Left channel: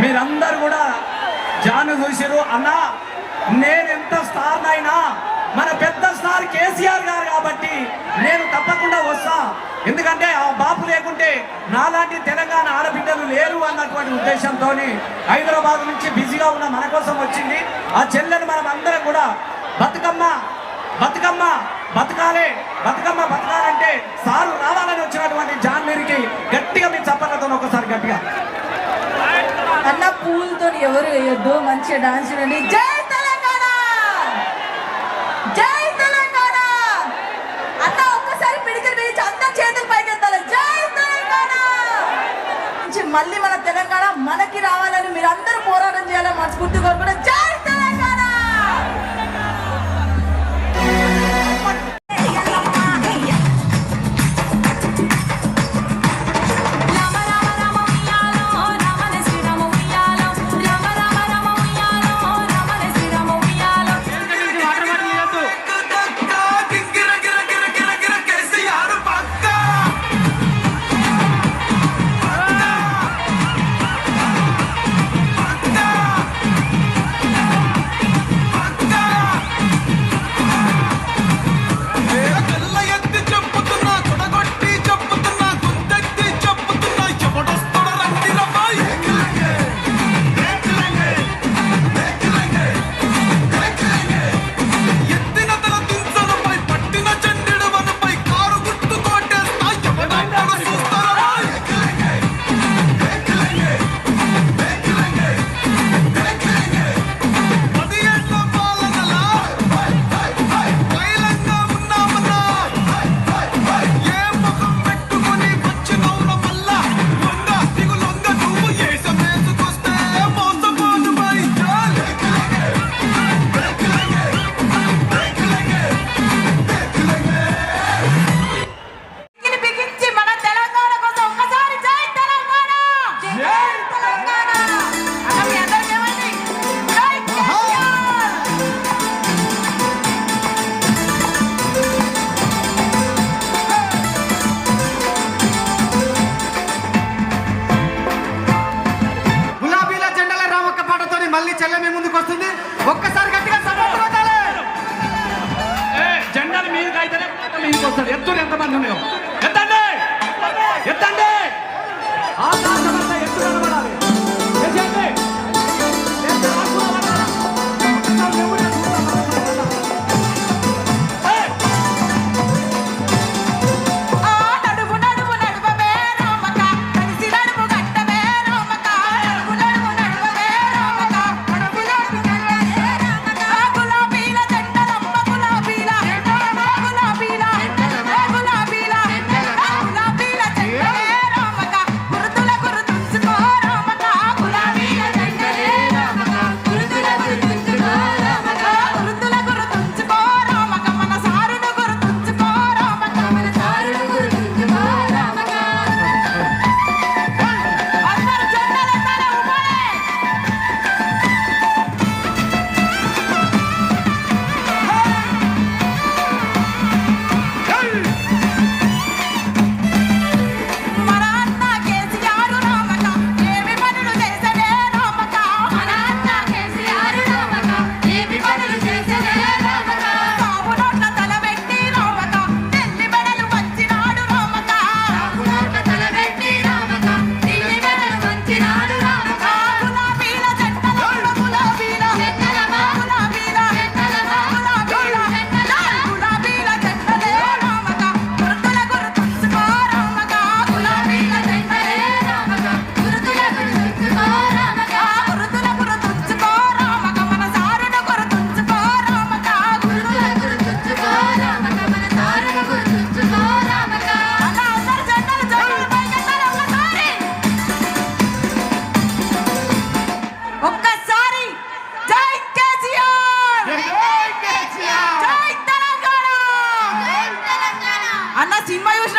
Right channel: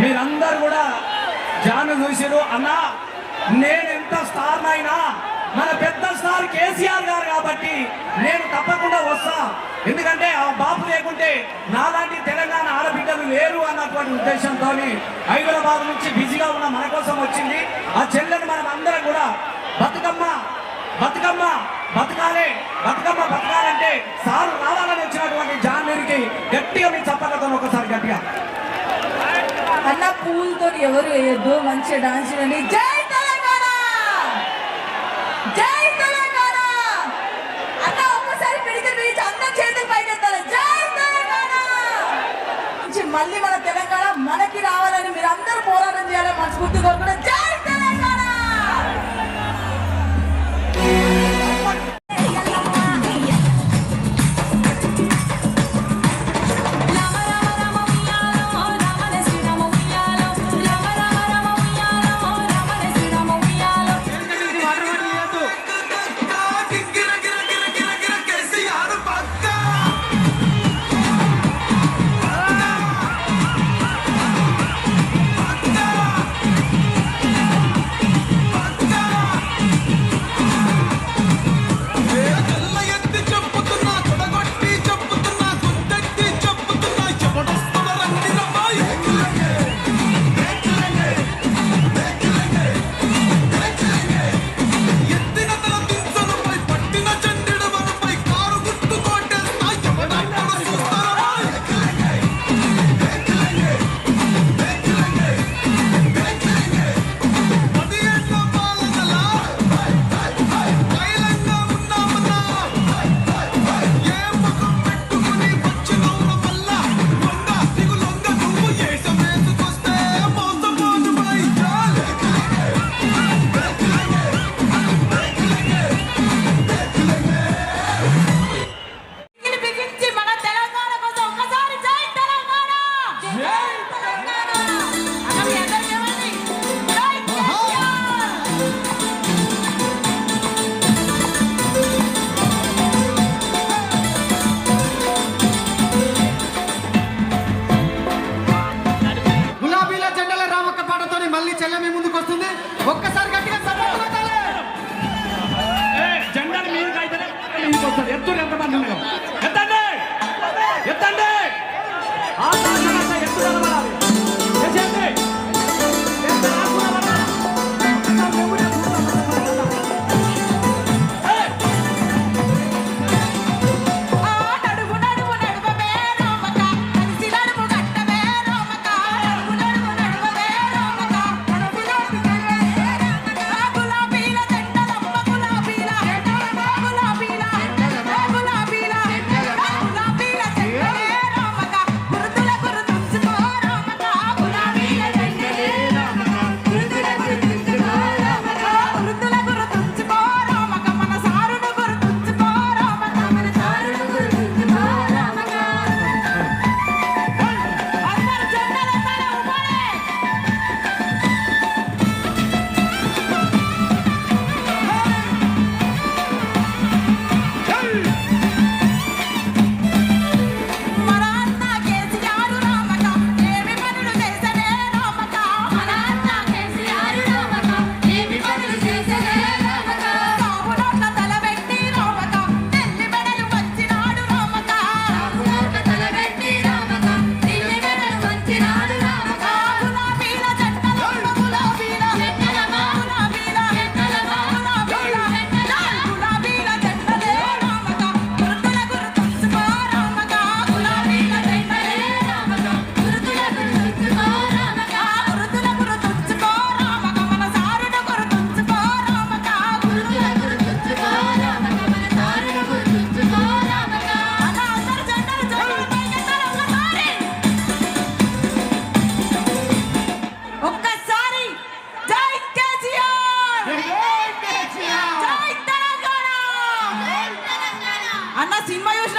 మీరందరూ కూడా జాను చూసిరు అన్నా నేను ఎంత స్టార్ అయినా మన పెద్ద స్టార్ కేసీఆర్ గారు కాబట్టి నేను తప్పకుండా వస్తా. ఎందుకంటే ఆ బాపు లేకుంటే నాలాంటి తెలంగాణ ఆడబిడ్డలు లేరు అన్నటువంటి ఉద్దేశంతో హైదరాబాద్ నుంచి బిజీగా ఉన్న మన కోసం వచ్చింది. ఆ చెల్లెను మనం అందరం కూడా బతుకమ్మ బతుకమ్మ బతకాలి బతుకమ్మ బతకాలంటే సారు రావాలని ఎవరు వేయొద్దు మంచిగా డాన్స్ చేయండి. జై తెలంగాణ! జై తెలంగాణ! అన్న ఒక్కసారి పిడికి పిలిచి అందరం చేతులు పైకెత్తాలి జై తెలంగాణ! మళ్ళీ మన తెలంగాణ మనకి రావాలని మీరు జెండాలు ఎత్తులు ఎంతమంది ఉన్నాయో సీమా యోజన